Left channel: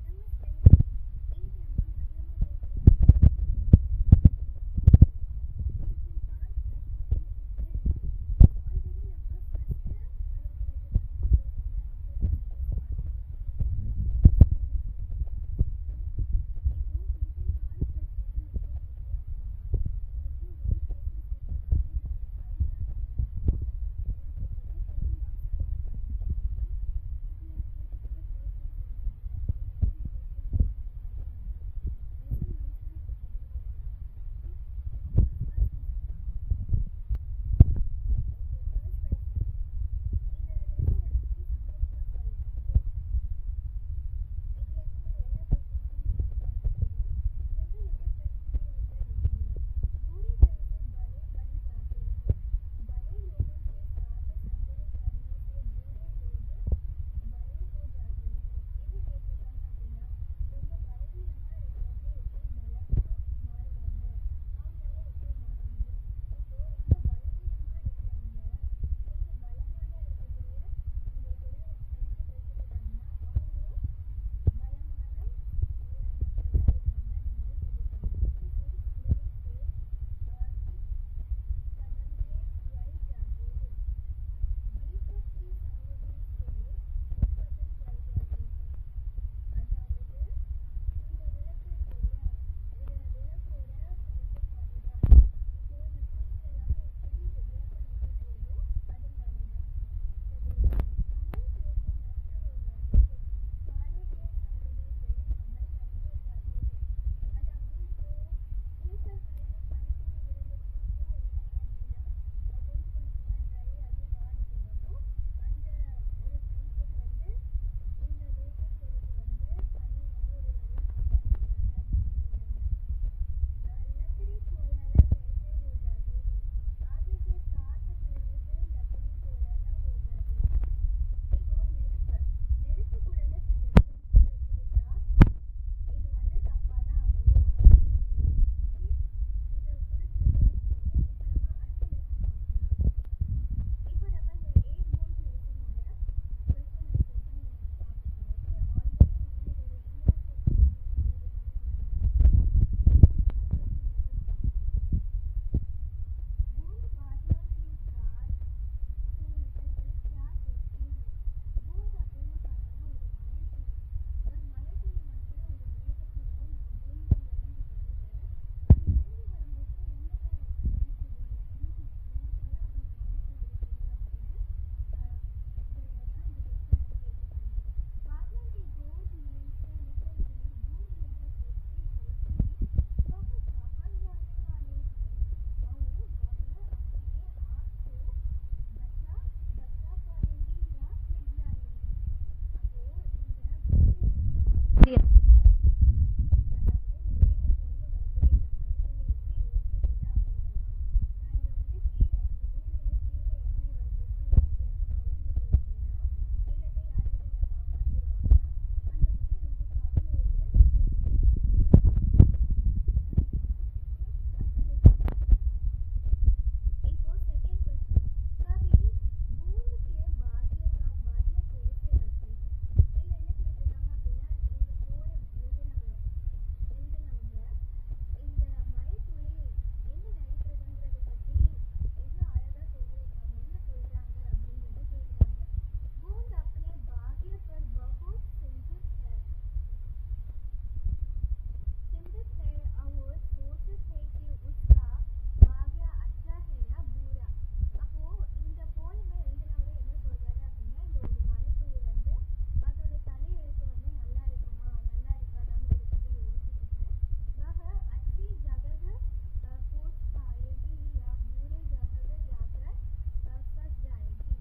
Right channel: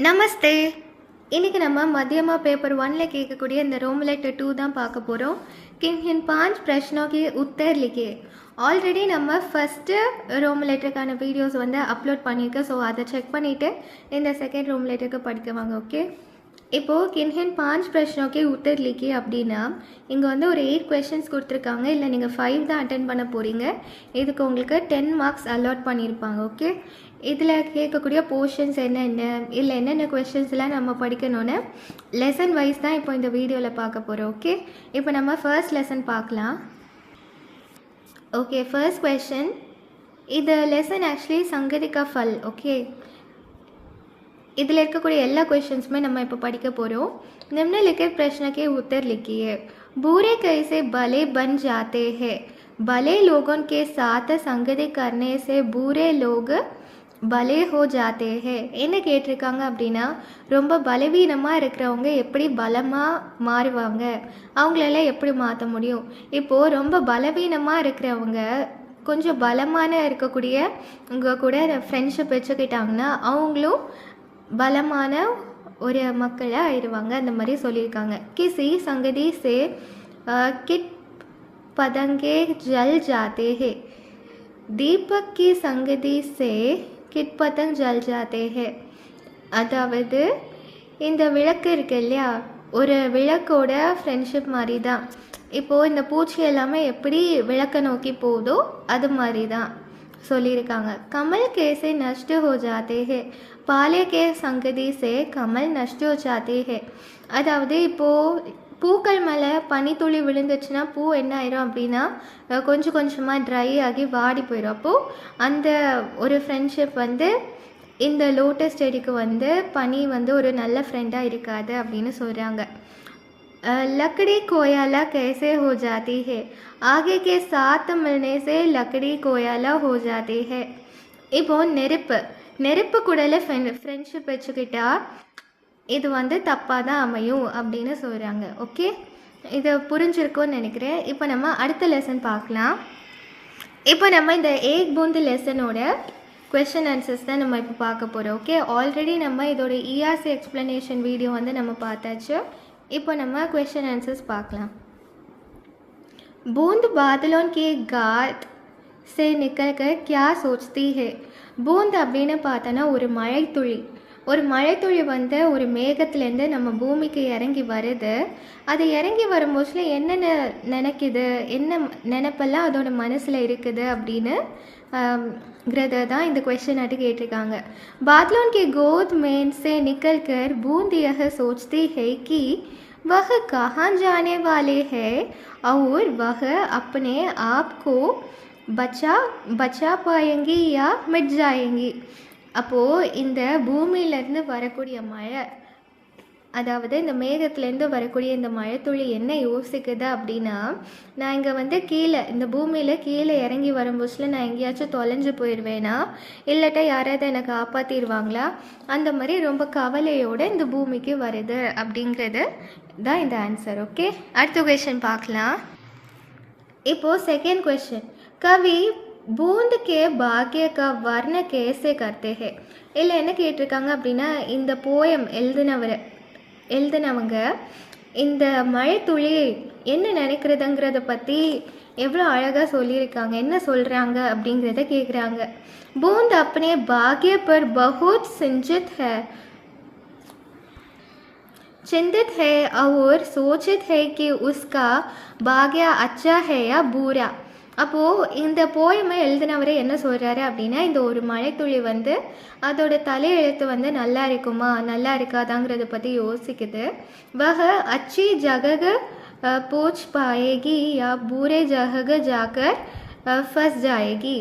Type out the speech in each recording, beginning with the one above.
நமஸ்தே. இன்றைக்கி நம்ம मध्यमा पेपर 1 கேட்கக்கூடிய இந்த रोम लेटर 2 தான் பார்க்க போகிறோம். किन 5 प्रश्नों के उत्तर लिखिए. ஆல்ரெடி நம்ம ஃபஸ்ட்டு ரோம் லெட்டருக்கான வீடியோஸ் வந்து அப்லோட் பண்ணியிருக்கேன். ஸோ அதை செக் பண்ணிவிட்டு இந்த செகண்ட் ரோம் லெட்டருக்கு படிக்குவாங்க. ஓகே, இப்போது किन 5 प्रश्नों के उत्तर लिखिए அப்படின்னா இங்கே வந்து ஒரு 8 கொஷின்ஸ் கொடுத்துருக்காங்க. இல்லை நீங்கள் 5 தான் அட்டென்ட் பண்ண போகிறீங்க. இதுக்கு உங்களுக்கு 10 மார்க்ஸ் அலாட் பண்ணியிருப்பாங்க. ஓகே, இதில் கேட்கக்கூடிய போர்ஷன்ஸ் என்னென்ன, இல்லை என்னென்ன கொஷின்ஸ்லாம் நம்ம படிக்கணும்னு லெசன் வைஸ் தான் இப்போ இந்த வீடியோவில் பார்க்க போகிறோம். ஓகே, இப்போ நம்ம ஃபர்ஸ்ட் லெசன் பார்க்கலாம். Okay, first question. இது லெசன் ஆக்சுவலி संगति का फल. ஓகே, இதில் இருக்கக்கூடிய எல்லா क्वेश्चंसமே நம்ம இப்போ படிக்க போகிறோம். निम्नलिखित प्रश्न के उत्तर लिखिए. बुरे कैसे भले बन जाते हैं? भले लोगों के साथ संगति करने से बुरे लोग பலே ஹோ ஜாத்தே ஹே. என்ன கேட்டிருக்காங்க அப்படின்னா, ரொம்ப பலவீனமாக இருக்கிறவங்க எப்படி பலமாக மாறுவாங்க, அவங்களெல்லாம் எப்படி மாற்ற முடியும். இப்போது ரொம்ப பலவீனமாக இருக்கிறவங்க கொஞ்சம் பலமான இருக்கக்கூடிய உங்கள் கூட ஃப்ரெண்ட்ஷிப் வச்சுக்கிட்டாங்கன்னா அவங்களும் பலமான ஒரு மக்களாக ஆயிடுவாங்க. அந்த மாதிரி சொல்லியிருக்காங்க. கிசி சங்கதி சே கிட் பதங்கே ஜல் ஜாத்தே ஹே. தீபக் கி சங்கதி சே கிட் பதங் ஜல் ஜாத்தே ஹே. அதாவது இந்த விளக்கு இருக்கு இல்லையா, ஒரு விளக்கோட ஃப்ரெண்ட்ஷிப் மாதிரி தான். இப்போது இந்த பூச்சி எல்லாமே எப்படி விளக்க நோக்கி போகுதோ அது மாதிரி தான் சொல்லியிருக்காங்க. கமல் கேசே நஷ்ட ஹோ ஜாத்தே ஹே. பாலே கே சங்கதி சே கமல் நஷ்ட ஹோ ஜாத்தே ஹே. அதாவது இப்போது பூக்கள் மேலே பனித்துளி விழுந்துச்சுன்னா பூ என்ன ஆயிரும் அப்படின்னா கொஞ்சம் கொஞ்சமாக ட்ரை ஆகி வாடி போயிடும். அப்போது அந்த ஒரு ஃப்ரெண்ட்ஷிப் வந்து இந்த லோட்டஸ் செடிக்கு வந்து பனி வந்து ஒரு நல்ல ஃப்ரெண்டாக இருக்காது அப்படின்னு சொல்கிறாங்க. लकड़ी कोयला कैसे हो जाती है? आगे के साथ मिलने से लकड़ी कोयला हो जाती है. இப்போது நெருப்பு கூடல ஃப்ரெண்ட்ஷிப் வச்சுக்கிட்டா இது வந்து தப்பாக தான் அமையும் அப்படின்னு சொல்கிறாங்க. ஓகே, இதை புரிஞ்சிருக்கும்னு நினைக்கிறேன். இப்போ நம்ம அடுத்த லெசன் பார்க்கலாம். இப்போ நம்ம இந்த ஏக் பூந்து லெசனோட கொஷின் ஆன்சர்ஸ் தான் நம்ம இப்போ பார்க்க போகிறோம். ஓகே, ஆல்ரெடி நம்ம இதோட இஆர்சி எக்ஸ்ப்ளனேஷன் வீடியோ வந்து நம்ம பார்த்தாச்சு. இப்போ நம்ம கொஷின் ஆன்சர்ஸ் பார்க்கலாம். बूंद बादलों के गात से निकल कर क्या सोचती है? बूंद அப்படின்னு பார்த்தோன்னா ஒரு மழைத்துளி வந்து ஒரு மேகத்துலேருந்து நம்ம பூமிக்கு இறங்கி வருது. அது இறங்கி வரும்போது என்னென்ன நினைக்குது, என்ன நினைப்பெல்லாம் அதோட மனசில் இருக்குது அப்படின்னு தான் இந்த கொஸ்டின் ஆட்டு கேட்டிருக்காங்க. बादलों के गोद में से निकल कर बूंद यह सोचती है कि वह कहाँ जाने वाले हैं और वह अपने आप को बचा पाएंगी या मिट जाएंगी. அப்போது இந்த பூமியிலேருந்து வரக்கூடிய மழை, அதாவது இந்த மேகத்துலேருந்து வரக்கூடிய இந்த மழைத்துளி என்ன யோசிக்குது அப்படின்னா, நான் இங்கே வந்து கீழே இந்த பூமியில் கீழே இறங்கி வரும்போதுல நான் எங்கேயாச்சும் தொலைஞ்சு போயிடுவேனா, இல்லாட்டா யாராவது என்னை காப்பாற்றிடுவாங்களா, அந்த மாதிரி ரொம்ப கவலையோடு இந்த பூமிக்கு வருது அப்படிங்கிறது தான் இந்த ஆன்சர். ஓகே, அடுத்த கொஷின் பார்க்கலாம். இப்போது செகண்ட் கொஷின். கவி பூந்து கே பாக்கிய கா வர்ண கேசே கர்த்தே ஹே. இல்லை என்ன கேட்டிருக்காங்க அப்படின்னா, இந்த போயம் எழுதினவங்க இந்த மழை துளி என்ன நினைக்கிறதுங்கிறத பற்றி எவ்வளோ அழகாக சொல்லியிருக்காங்க, என்ன சொல்கிறாங்க அப்படிங்கிறத கேட்குறாங்க. பூந்த் अपने भाग्य पर बहुत चिंतित है और सोचित है कि उसका भाग्य अच्छा है या बुरा. அப்போது இந்த போயமை எழுதினவரை என்ன சொல்கிறாரு அப்படின்னா, இந்த ஒரு மழைத்துளி வந்து அதோட தலையெழுத்து வந்து நல்லா இருக்குமா நல்லா இருக்காதாங்கிறத பற்றி யோசிக்குது. வக அச்சி ஜகக போச் பாயேகி யா பூரே ஜகக ஜாக்கர் ஃபஸ் ஜாயேகி.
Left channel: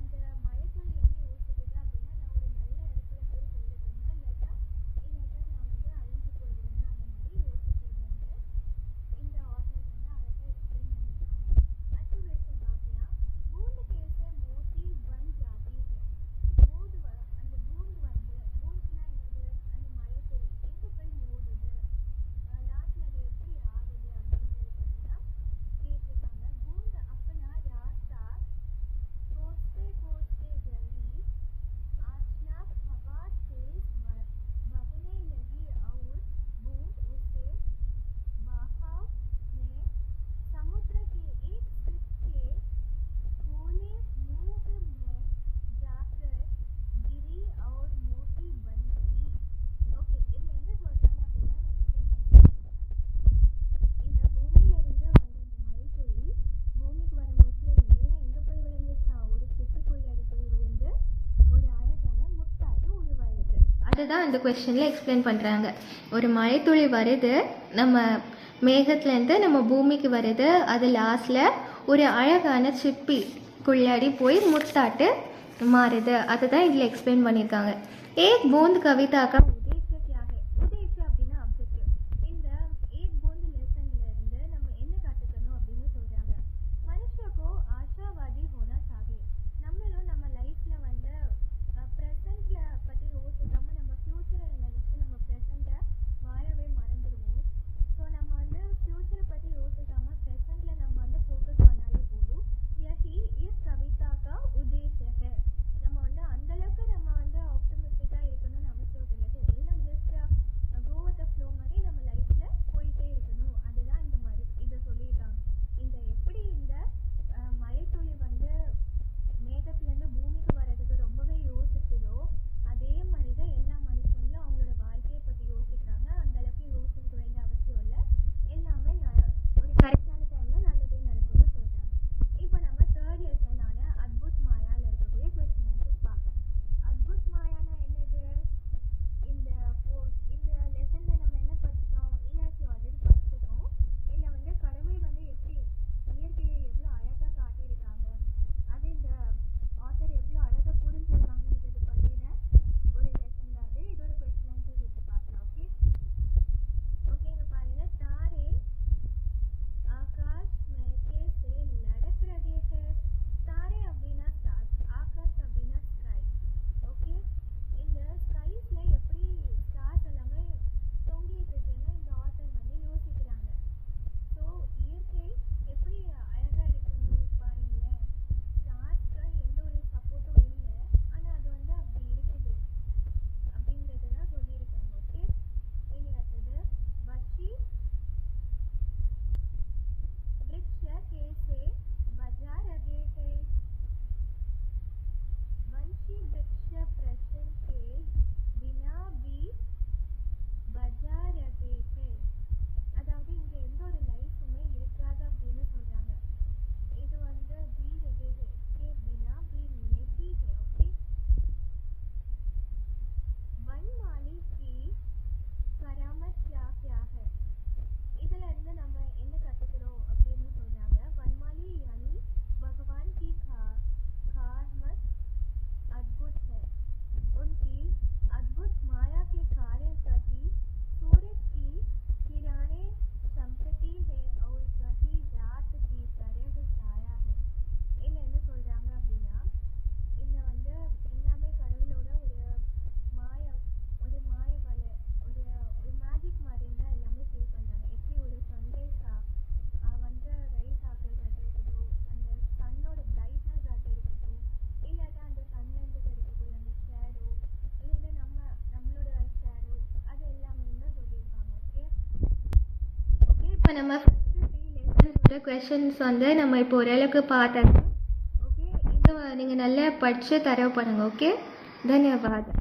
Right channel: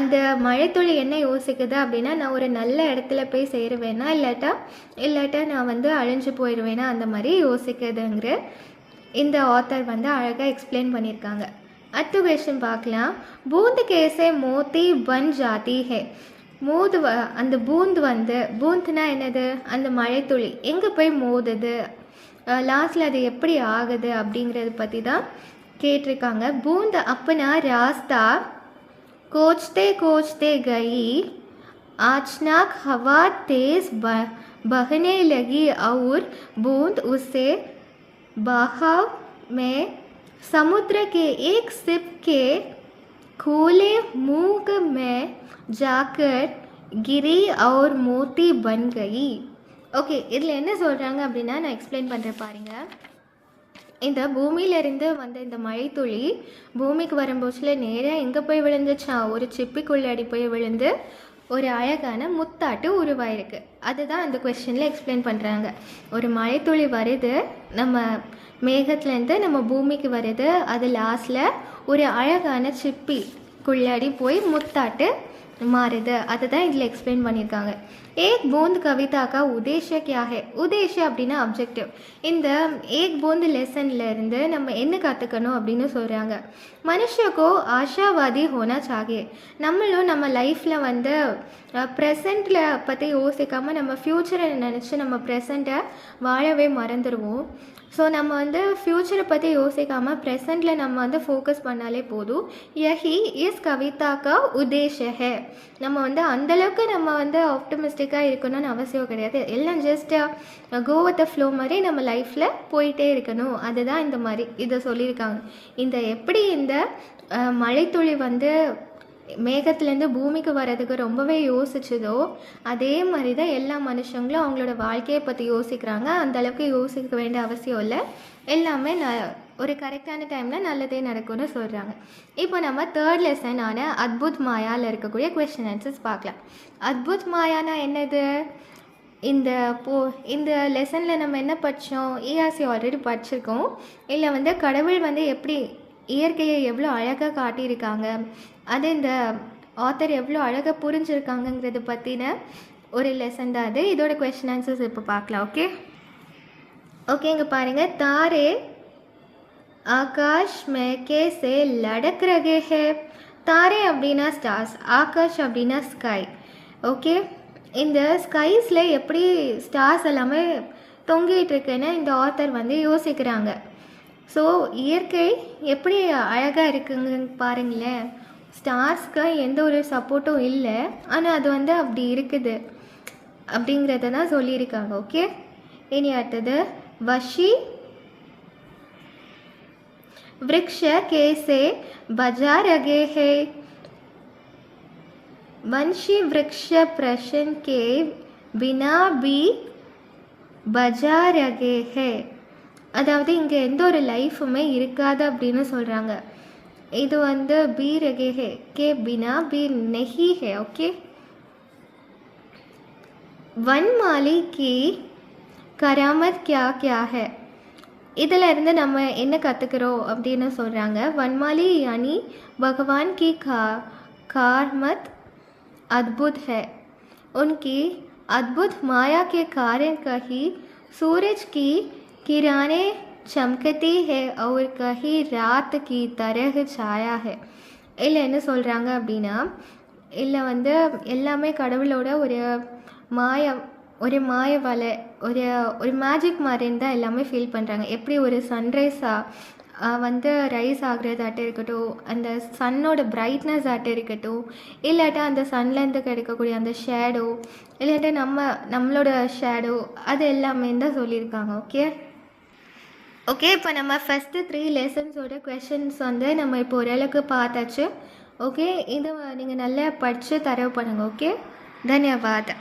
அந்த மழைத்துளி என்ன யோசிக்குது அப்படின்னா, நான் ஒரு நல்ல இடத்துல போய் சேருவேனா இல்லாட்டா நான் வந்து அழிஞ்சு போயிடுவேனா, அந்த மாதிரி யோசிக்குதுங்கிற இந்த ஆத்தர் வந்து அழகாக எக்ஸ்பிளைன் பண்ணியிருக்காங்க. அடுத்த கொஷின் பார்க்கலாம். பூந்த் கேசே மோத்தி பன் ஜாத்தி ஹே. அந்த பூந்துனா என்னது, அந்த மழைத்துளி எங்கே போய் மோதுது, லாஸ்டில் அது எப்படி ஆகுது அப்படிங்கிறத பற்றி தான் கேட்டிருக்காங்க. பூந்த் அப்பனா ராஸ்தா கோச்தே கயி அச்னாக் ஹவா தேஸ் बहने लगी और बूंद उसे बहाव में समुद्र के एक सिप के खुले मुंह में जाकर गिरी और मोती बन गई. ஓகே, இதில் என்ன சொல்கிறாங்க அப்படின்னா நான் எக்ஸ்பிளைன் பண்ணுறேன் பாருங்கள். இந்த பூமியிலேருந்து வந்த இந்த மழைத்துளி பூமிக்கு வரும்போச்சில் நேராக எங்கே போய் விழுந்துச்சா, ஒரு சிப்பிக்குள்ளாடி போய் விழுந்து ஒரு அழகான முத்தாட்டு உருவாயிருக்கு. அதுதான் அந்த கொஸ்டினில் எக்ஸ்பிளைன் பண்ணுறாங்க. ஒரு மழைத்துளி வருது, நம்ம மேகத்துலேருந்து நம்ம பூமிக்கு வருது, அது லாஸ்ட்டில் ஒரு அழகான சிப்பிக்குள்ளாடி போய் முத்தாட்டு மாறுது. அதுதான் இதில் எக்ஸ்பிளைன் பண்ணியிருக்காங்க. एक बूंद कविता का उद्देश्य क्या है? உதேஷம் அப்படின்னா அப்ஜெக்டிவ். இந்த ஏக் பூந்த் லெசன்ல இருந்து நம்ம என்ன கற்றுக்கணும் அப்படின்னு சொல்கிறாங்க. மனுஷக்கோ ஆஷாவாதி ஹோனா சாகியே. நம்மளும் நம்ம லைஃப்பில் வந்து ப்ரெசண்ட்டில் பற்றி யோசிக்காமல் நம்ம ஃப்யூச்சரை நினச்சி நம்ம ப்ரெசண்ட்டை வாழவே மறந்துடுவோம். ஸோ நம்ம வந்து ஃப்யூச்சரை பற்றி யோசிக்காமல் ப்ரெசண்ட்டில் நம்ம வந்து ஃபோக்கஸ் பண்ணாலே போதும். யஹி இஸ் கவிதா கா உதேஷ ஹே. நம்ம வந்து அந்தளவுக்கு நம்ம வந்து ஆப்டமிஸ்டிக்காக இருக்கணும்னு அவசியம் கிடையாது. எல்லாம் just go with the flow மாதிரி நம்ம லைஃப்பில் போயிட்டே இருக்கணும். அதுதான் இந்த மாதிரி இதை சொல்லியிருக்காங்க. இந்த எப்படி இந்த மழைத்துளி வந்து மேகத்துலேருந்து பூமிக்கு வர்றதுக்கு ரொம்பவே யோசிச்சதோ அதே மாதிரி தான் எல்லா மனுஷங்களும் அவங்களோட வாழ்க்கையை பற்றி யோசிக்கிறாங்க. அந்தளவுக்கு யோசிக்க வேண்டிய அவசியம் இல்லை. எல்லாமே ஒரு கரெக்டான டைமில் நல்லதே நடக்கும்னு சொல்கிறாங்க. இப்போ நம்ம தேர்ட் லெசனான அத்புத் மாயாவில் இருக்கக்கூடிய கொஸ்டின் ஆன்சர்ஸ் பார்க்கலாம். அத்புத் மாயானா என்னது? இந்த லெசனில் நம்ம என்ன படித்தோம்? இஆர்சி ஆல்ரெடி படிச்சிருக்கோம். இல்லை வந்து கடவுள் வந்து எப்படி இயற்கையை எவ்வளோ அழகாக காட்டியிருக்காங்க, அது இந்த ஆத்தர் எவ்வளோ அழகாக புரிஞ்சுருக்காங்கங்கிறத பற்றின ஒரு லெசன் தான் அது. இதோட கொஸ்டின் ஆன்சர்ஸ் இப்போ பார்க்கலாம். ஓகே, இங்கே பாருங்கள். தாரே ஆகாஷ் में कैसे लड़क रहे हैं. தாரே அப்படின்னா ஸ்டார்ஸ், ஆகாஷ் அப்படின்னா ஸ்கை. ஓகே, இந்த ஸ்கைஸில் எப்படி ஸ்டார்ஸ் எல்லாமே தொங்கிட்டு இருக்குன்னு இந்த ஆத்தர் வந்து யோசிக்கிறாங்க. ஸோ இயற்கை எப்படி அழகாக இருக்குங்க பாருங்களேன். ஸ்டார்ஸ்க்கு எந்த ஒரு சப்போர்ட்டும் இல்லை, ஆனால் அது வந்து அப்படி இருக்குது அப்படிங்கிறத தான் சொல்லியிருக்காங்க. ஓகே, இனி அடுத்தது வஷி वृक्ष कैसे बजा रहे हैं. वंशी वृक्ष प्रश्न के बिना भी बजा रहे हैं. அதாவது இங்கே எந்த ஒரு லைஃபுமே இருக்காது அப்படின்னு சொல்கிறாங்க. இது வந்து பி ரகே ஹே கே பினா பி நெஹி ஹே. ஓகே, வன்மாலி கி கராமத் கியா கியா ஹே. இதில் இருந்து நம்ம என்ன கற்றுக்கிறோம் அப்படின்னு சொல்கிறாங்க. वनमाली यानी भगवान की कारमत अद्भुत है. उनकी अद्भुत माया के कारण कहीं सूरज की किरणें चमकती है और कहीं रात की तरह छाया है. இல்லை என்ன சொல்கிறாங்க அப்படின்னா, இல்லை வந்து எல்லாமே கடவுளோட ஒரு மாய வலை, ஒரு மேஜிக் மாதிரின்னு தான் எல்லாமே ஃபீல் பண்ணுறாங்க. எப்படி ஒரு சன்ரைஸாக வந்து ரைஸ் ஆகுறதாட்டம் இருக்கட்டும், அந்த சன்னோட பிரைட்னஸ் ஆட்டம் இருக்கட்டும், இல்லாட்டா அந்த சன்லேருந்து கிடைக்கக்கூடிய அந்த ஷேடோ, இல்லாட்டா நம்மளோட ஷேடோ, அது எல்லாமே தான் சொல்லியிருக்காங்க. ஓகே, இப்போ நம்ம ஃபஸ்ட்டு 3 லெசன்ஸோட கொஷின்ஸ் வந்து நம்ம இப்போ ஓரளவுக்கு பார்த்தாச்சு. ஓகே, இதை நீங்கள் நல்லா படித்து தரவு பண்ணுங்கள். ஓகே, தன்யவாத்.